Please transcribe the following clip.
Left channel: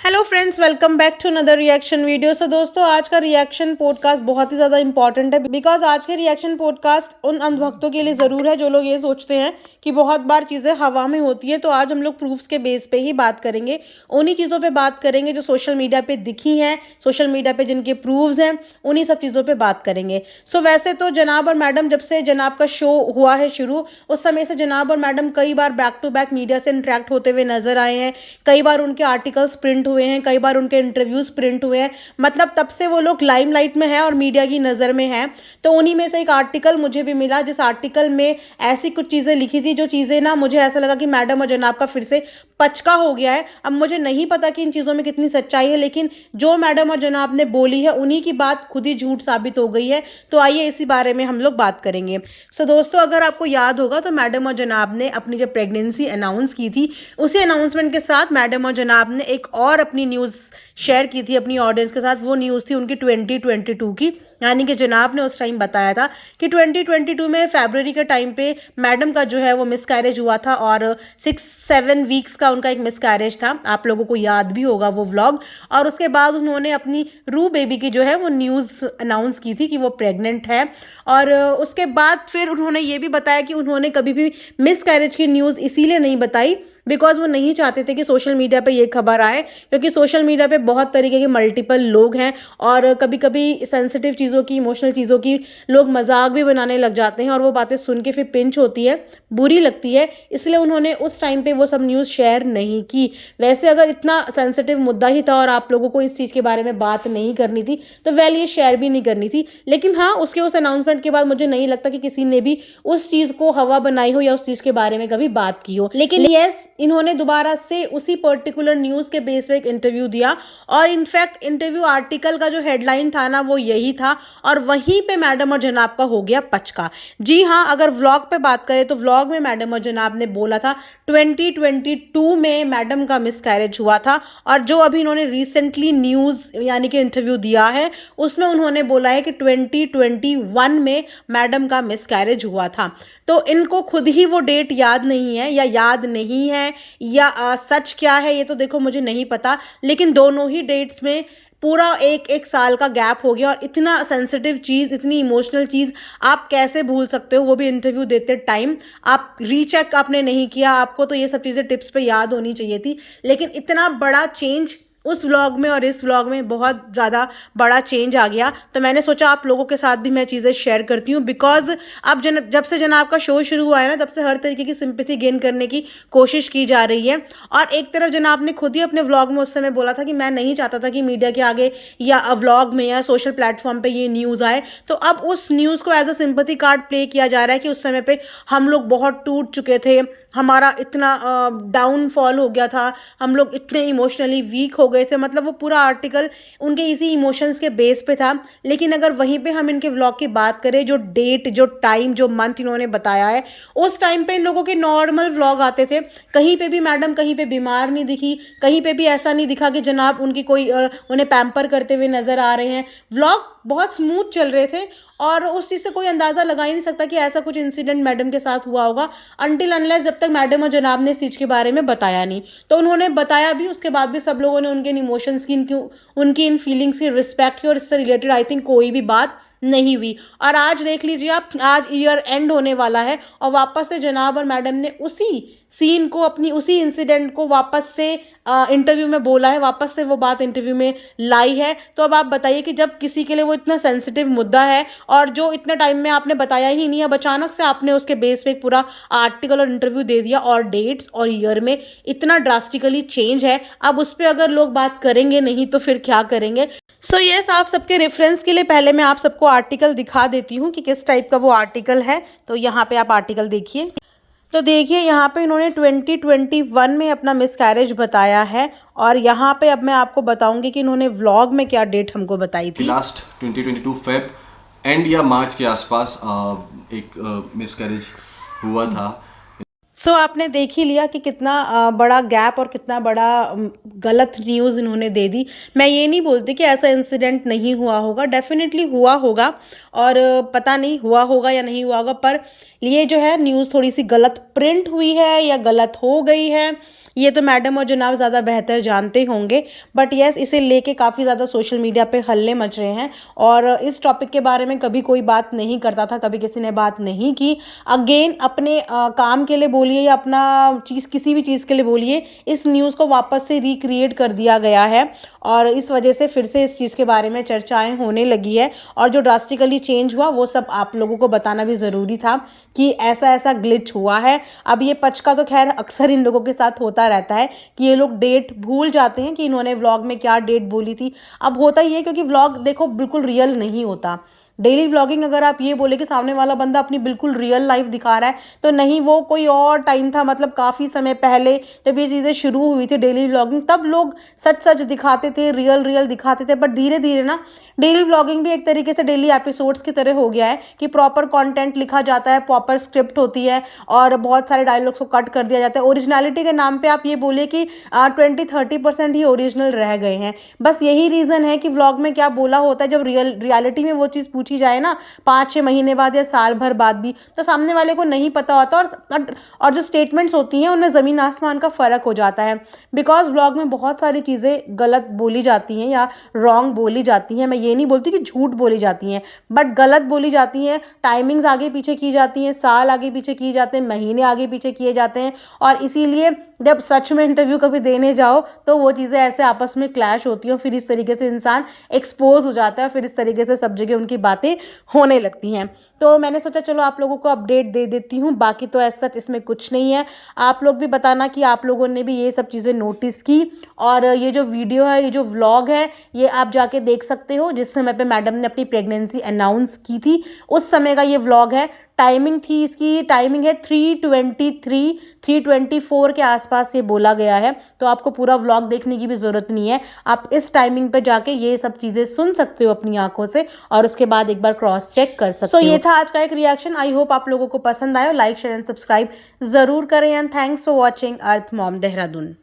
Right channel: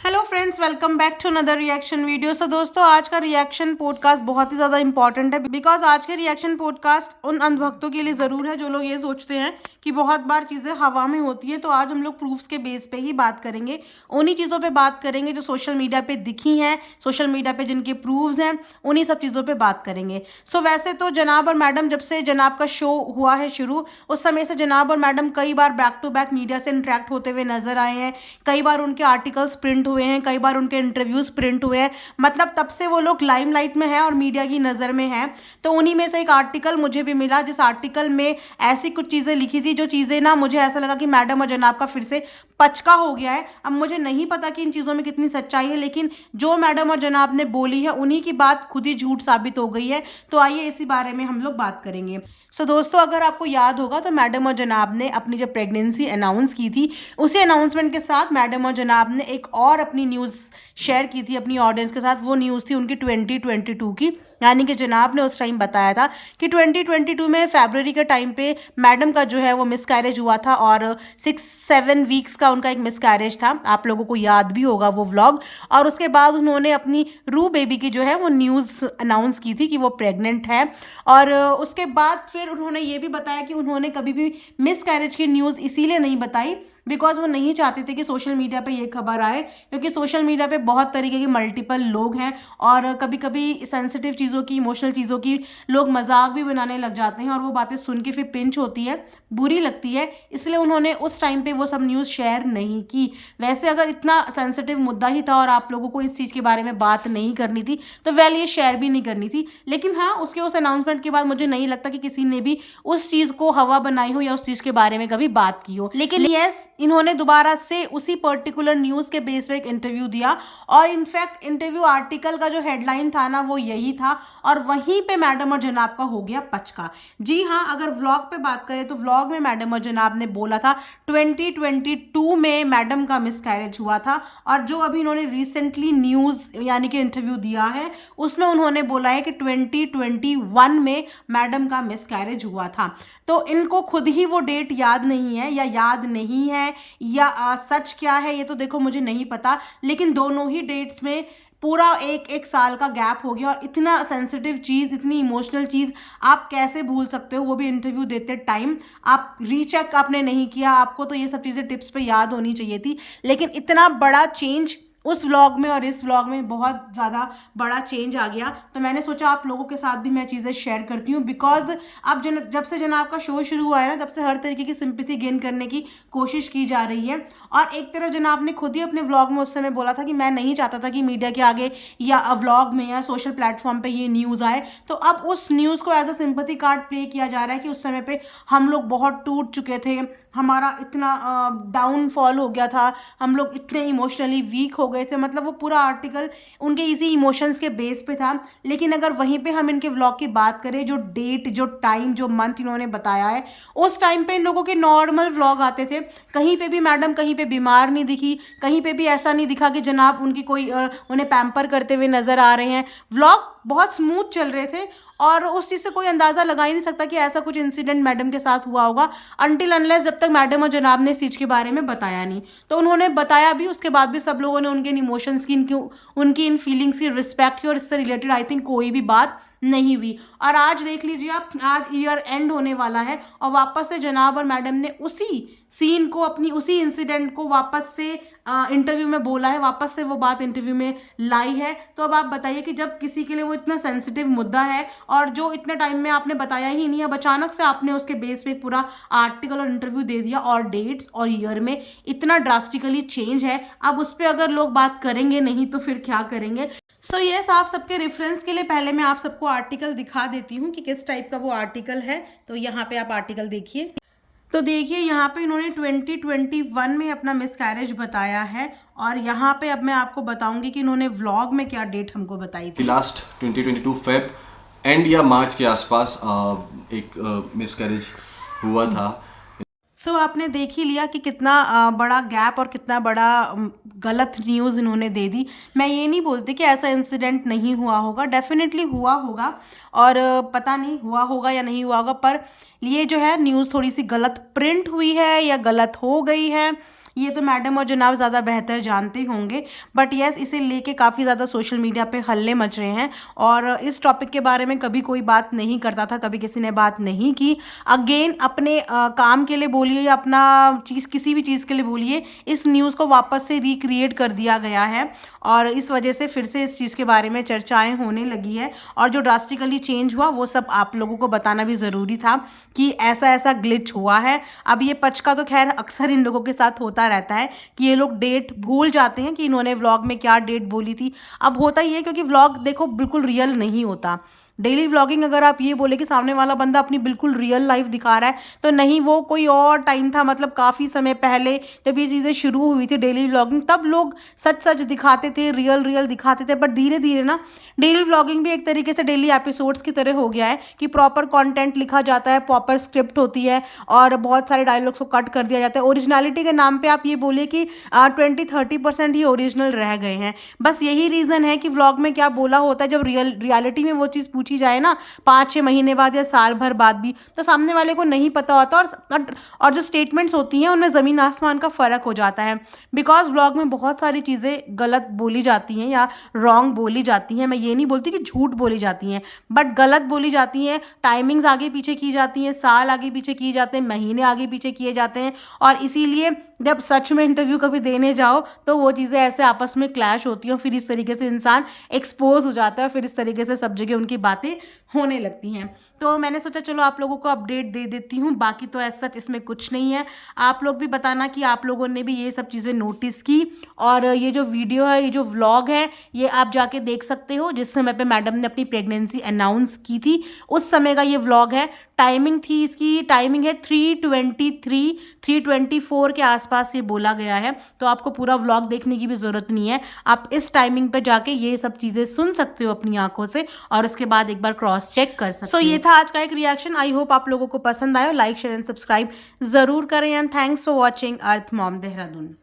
Hello friends, welcome back to another reaction video. So दोस्तों, आज का रिएक्शन पॉडकास्ट बहुत ही ज़्यादा इंपॉर्टेंट है बिकॉज आज के रिएक्शन पॉडकास्ट उन अंधभक्तों के लिए ज़रूर है जो लोग ये सोचते हैं कि बहुत बार चीज़ें हवा में होती हैं। तो आज हम लोग प्रूफ्स के बेस पे ही बात करेंगे, उन्हीं चीज़ों पे बात करेंगे जो सोशल मीडिया पे दिखी हैं, सोशल मीडिया पे जिनके प्रूफ्स हैं, उन्हीं सब चीज़ों पे बात करेंगे। सो वैसे तो जनाब और मैडम, जब से जनाब का शो हुआ है शुरू, उस समय से जनाब और मैडम कई बार बैक टू बैक मीडिया से इंटरेक्ट होते हुए नजर आए हैं। कई बार उनके आर्टिकल्स प्रिंट हुए हैं, कई बार उनके इंटरव्यूज प्रिंट हुए हैं। मतलब तब से वो लोग लाइमलाइट में है और मीडिया की नज़र में है। तो उन्हीं में से एक आर्टिकल मुझे भी मिला, जिस आर्टिकल में ऐसी कुछ चीज़ें लिखी थी जो चीज़ें ना, मुझे ऐसा लगा कि मैडम और जनाब का फिर से पचका हो गया है। अब मुझे नहीं पता कि इन चीज़ों में कितनी सच्चाई है, लेकिन जो मैडम और जनाब ने बोली है उन्हीं की बात खुद ही झूठ साबित हो गई है। तो आइए इसी बारे में हम लोग बात करेंगे। सो दोस्तों, अगर आपको याद होगा तो मैडम और जनाब ने अपनी जब प्रेगनेंसी अनाउंस की थी, उसी अनाउंसमेंट के साथ मैडम और जनाब ने एक और अपनी न्यूज़ शेयर की थी अपनी ऑडियंस के साथ। वो न्यूज़ थी उनकी 2022 की। यानी कि जनाब ने उस टाइम बताया था कि 2022 में फरवरी के टाइम पे मैडम का जो है वो मिसकैरेज हुआ था और 6-7 वीक्स का उनका एक मिसकैरेज था। आप लोगों को याद भी होगा वो व्लॉग। और उसके बाद उन्होंने अपनी रू बेबी की जो है वो न्यूज़ अनाउंस की थी कि वो प्रेग्नेंट है। और उसके बाद फिर उन्होंने ये भी बताया कि उन्होंने कभी भी मिसकैरेज की न्यूज़ इसीलिए नहीं बताई बिकॉज वो नहीं चाहते थे कि सोशल मीडिया पे ये खबर आए, क्योंकि सोशल मीडिया पे बहुत तरीके के मल्टीपल लोग हैं और कभी कभी सेंसिटिव चीज़ों की, इमोशनल चीज़ों की लोग मजाक भी बनाने लग जाते हैं और वो बातें सुन के फिर पिंच होती है, बुरी लगती है। इसलिए उन्होंने उस टाइम पे वो सब न्यूज़ शेयर नहीं की। वैसे अगर इतना सेंसिटिव मुद्दा ही था और आप लोगों को इस चीज़ के बारे में बात नहीं करनी थी तो वेल ये शेयर भी नहीं करनी थी। लेकिन हाँ, उसके उस अनाउंसमेंट के बाद मुझे नहीं लगता कि किसी ने भी उस चीज़ को हवा बनाई हो या उस चीज़ के बारे में कभी बात की हो। लेकिन यस, इन्होंने दोबारा से उसी पर्टिकुलर न्यूज़ के बेस पे एक इंटरव्यू दिया और इनफैक्ट इंटरव्यू आर्टिकल का जो हेडलाइन था ना वो यही था और वहीं पे मैडम और जनाब का हो गया पचका। जी हाँ, अगर व्लॉग पे बात करें तो व्लॉग में मैडम और जनाब ने बोला था 2022 में मैडम का मिसकैरेज हुआ था और जो अभी इन्होंने रिसेंटली न्यूज़ यानी कि इंटरव्यू दिया है उसमें उन्होंने बोला है कि 2021 में मैडम का मिसकैरेज हुआ था। तो इनको खुद ही वो डेट याद नहीं है या याद नहीं है या सच क्या है ये तो देखो मुझे नहीं पता, लेकिन दोनों ही डेट्स में पूरा एक एक साल का गैप हो गया। और इतना सेंसिटिव चीज़, इतनी इमोशनल चीज़ आप कैसे भूल सकते हो, वो भी इंटरव्यू देते टाइम। आप रीचेक आपने नहीं किया, आपको तो ये सब चीज़ें टिप्स पे याद होनी चाहिए थी। लेकिन इतना बड़ा चेंज उस व्लॉग में और इस व्लॉग में बहुत ज़्यादा बड़ा चेंज आ गया। तो मैंने सोचा आप लोगों के साथ भी मैं चीज़ें शेयर करती हूँ बिकॉज अब जब से जनाब का शो शुरू हुआ है ना, तब से हर तरीके की सिंपैथी गेन करने की कोशिश की जा रही है। और एक तरफ जनाब ने खुद ही अपने व्लॉग में उस समय बोला था कि मैं नहीं चाहता था कि मीडिया के आगे या व्लॉग में या सोशल प्लेटफॉर्म पर ये न्यूज़ आए। तो अब उस न्यूज़ को as a sympathy card play किया जा रहा है कि उस समय पर हम लोग बहुत टूट चुके थे, हमारा इतना डाउनफॉल हो गया था, हम लोग इतने इमोशनली वीक हो गए थे। मतलब वो पूरा आर्टिकल उनके इसी इमोशंस के बेस पे था। लेकिन अगर वहीं पे हम इनके व्लॉग की बात करें, जो डेट, जो टाइम, जो मंथ इन्होंने बताया है, उस टाइम पे इन लोगों के नॉर्मल व्लॉग आते थे। कहीं पे भी मैडम कहीं पे बीमार नहीं दिखी, कहीं पे भी ऐसा नहीं दिखा कि जनाब उनकी कोई उन्हें पैम्पर करते हुए नज़र आ रहे हैं। व्लॉग बहुत स्मूथ चल रहे थे और उस चीज़ से कोई अंदाज़ा लगा ही नहीं सकता कि ऐसा कुछ इंसिडेंट मैडम के साथ हुआ होगा अनटिल अनलेस जब तक मैडम और जनाब ने इस चीज़ के बारे में बताया नहीं। तो उन्होंने बताया भी, उसके बाद भी सब लोगों ने उनके इन इमोशंस की, उनकी इन फीलिंग्स की रिस्पेक्ट की और इससे रिलेटेड आई थिंक कोई भी बात नहीं हुई। और आज देख लीजिए आप, आज ईयर एंड होने वाला है और वापस से जनाब और मैडम ने उसी सीन को, अपनी उसी इंसिडेंट को वापस से इंटरव्यू में बोला है, वापस से वो बात इंटरव्यू में लाई है। तो अब आप बताइए कि जब किसी के लिए वो इतना सेंसिटिव मुद्दा है और जो इतने टाइम में आपने बताया ही नहीं, अब अचानक से आपने उसके बेस पे एक पूरा आर्टिकल और इंटरव्यू दे दिया और डेट्स और ईयर में इतना ड्रास्टिकली चेंज है, अब उस पर अगर लोग बात करेंगे नहीं तो फिर क्या करेंगे। सो यस, आप सबके रेफरेंस के लिए पहले मैं आप सबको आर्टिकल दिखा देती हूँ कि किस टाइप का वो आर्टिकल है। तो यहाँ पे आप आर्टिकल देखिए। तो देखिए यहाँ पे इन्होंने 2021 में अपना मिसकैरेज बताया है और यहाँ पे अब मैं आपको बताऊंगी कि इन्होंने व्लॉग में क्या डेट हमको बताई थी। लास्ट 2022 फेब एंड या मार्च के आसपास एक मिसकैरेज हुआ था। सो आपने देख ही लिया कि कितना बड़ा गैप और कितना बड़ा गलत न्यूज़ इन्होंने दे दी। मैं ये नहीं बोलती कि ऐसा इंसिडेंट नहीं हुआ होगा, डेफिनेटली हुआ होगा और पता नहीं हुआ होगा या नहीं हुआ होगा, पर ये जो है न्यूज़ थोड़ी सी गलत प्रिंट हुई है या गलत हो गई है ये तो मैडम और जनाब ज़्यादा बेहतर जानते होंगे, बट यस इसे लेके काफ़ी ज़्यादा सोशल मीडिया पे हल्ले मच रहे हैं और इस टॉपिक के बारे में कभी कोई बात नहीं करता था, कभी किसी ने बात नहीं की। अगेन अपने काम के लिए बोलिए या अपना चीज़ किसी भी चीज़ के लिए बोलिए, इस न्यूज़ को वापस से रिक्रिएट कर दिया गया है और इस वजह से फिर से इस चीज़ के बारे में चर्चाएं होने लगी है और जो ड्रास्टिकली चेंज हुआ वो सब आप लोगों को बताना भी ज़रूरी था कि ऐसा ऐसा ग्लिच हुआ है। अब ये पच का तो खैर अक्सर इन लोगों के साथ होता रहता है कि ये लोग डेट भूल जाते हैं कि इन्होंने व्लॉग में क्या डेट बोली थी। अब होता ही है क्योंकि व्लॉग देखो बिल्कुल रियल नहीं होता। डेली व्लॉगिंग अगर आप ये बोले कि सामने वाला बंदा अपनी बिल्कुल रियल लाइफ दिखा रहा है तो नहीं, वो कोई और टाइम था। मतलब काफ़ी समय पहले जब ये चीज़ें शुरू हुई थी डेली व्लॉगिंग, तब लोग सच सच दिखाते थे, रियल रियल दिखाते थे। बट धीरे धीरे ना डेली व्लॉगिंग भी एक तरीके से डेली एपिसोड्स की तरह हो गया है कि प्रॉपर कंटेंट लिखा जाता है, प्रॉपर स्क्रिप्ट होती है और बहुत सारे डायलॉग्स को कट कर दिया जाता है। ओरिजिनलिटी के नाम पे आप ये बोलिए कि 20-30% ही ओरिजिनल रह गए हैं। बस यही रीज़न है कि व्लॉग में क्या बोला होता है, जब रियलिटी में वो चीज़ पूछी जाए ना 5-6 महीने बाद या साल भर बाद भी, तो सामने वाले को नहीं पता होता और जो स्टेटमेंट्स होती हैं उनमें ज़मीन आसमान का फ़र्क हो जाता है। बिकॉज व्लॉग में बहुत सारी चीज़ें गलत बोली जाती हैं या रॉन्ग बोली जाती हैं। मैं ये नहीं बोलती कि झूठ बोली जाती हैं, बट गलत बोली जाती हैं। टाइमिंग्स आगे पीछे की जाती हैं, साल आगे पीछे किए जाते हैं, महीने आगे पीछे किए जाते हैं और इसीलिए जब सच में इंटरव्यू कभी देने जाओ तो वो चीज़ें ऐसे आपस में क्लैश होती हैं और फिर इस तरीके से इंसान एक्सपोज हो जाता है, फिर इस तरीके से सब जगह उनकी बातें होने लगती हैं। तो मैंने सोचा चलो आप लोगों को अपडेट दे देती हूँ, बाकी तो ऐसा इसमें कुछ नहीं है। आप लोग भी बताना कि आप लोगों ने भी ये सब चीज़ें नोटिस की और ये जो वीडियो है, ये जो व्लॉग है, ये आप जाके देख सकते हो। जिस समय पे मैडम ने अपनी प्रेगनेंसी अनाउंस की थी उस समय का ये व्लॉग है। टाइमिंग थी इसकी, टाइमिंग है 3:24 के आसपास ये बोला गया है। तो आपको पूरा व्लॉग देखने की भी ज़रूरत नहीं है, आप इस टाइमिंग पे जाके ये सब चीज़ें सुन सकते हो अपनी आंखों से और उसके बाद एक बार क्रॉस चेक कर सकते हो। ये था आज का एक रिएक्शन। आई होप आप लोगों को पसंद आया। लाइक शेयर एंड सब्सक्राइब ज़रूर करें and thanks for watching earth mom Dehradun.